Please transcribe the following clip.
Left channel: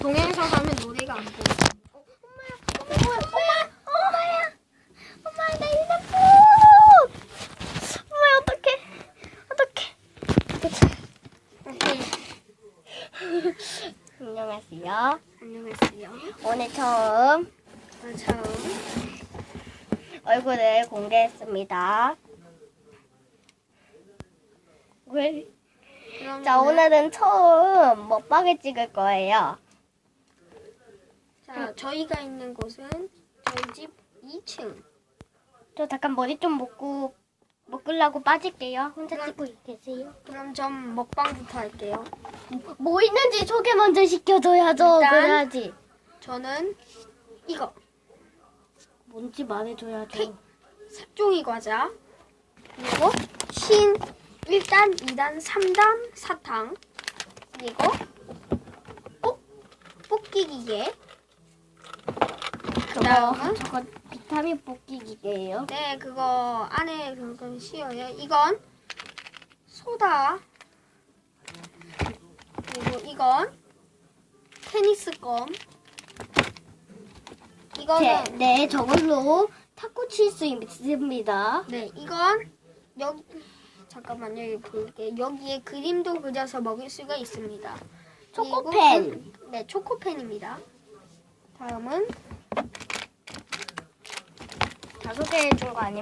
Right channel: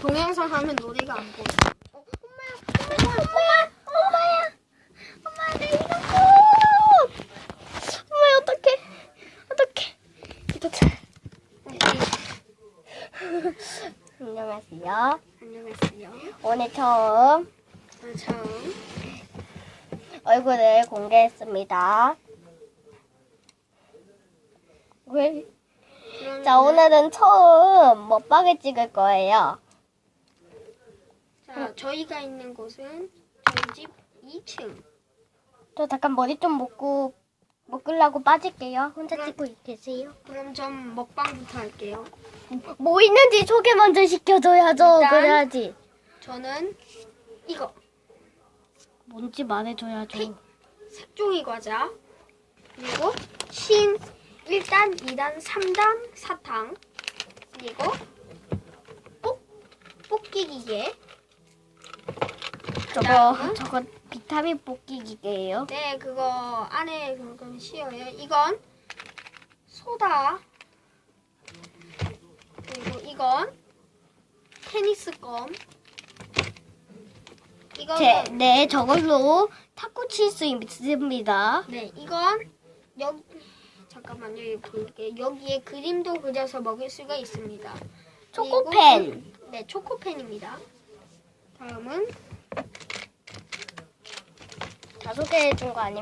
동영상 하면 노래가 안 보여. 엄마야, 나 이거 꼭! 엄마야, 안녕하세요. 안녕하세요. 오늘 처음 처음 얼굴을 공개했습니다. 왜? 자, 오늘은 처음 먹방을 찍을 거예요. 자, 저희가 있는 곳은 저희 집 2층. 저 잠깐 머리 좀 묶으려고 빠질게요. 혼자 그럼- 찍고 계세요. 그럼 전 먹방부터 할게요. 뭐 있는지 소개 먼저 시켜줘야죠. 일단- 그래야지. 저는 이거 뭔지 말해줘야죠. 색종이 과자, 그리고 신 1단, 2단, 3단 사탕, 그리고 뽑기 기계. 그다음은 저거 비타민 뽑기 기계예요. 네, 그거 안에 그건 씌어요. 이건 소다. 그리고 이건 테니스 껌. 이거는 네, 저걸로 탁구 칠 수 있습니다. 네, 이건 여기 잠깐만요. 여기 볼게요. 여기에 그림도 그려서 먹을 수가 있습니다. 초코펜. 그리고 네, 초코펜입니다. 다음은 다 소개해준 거 아니에요?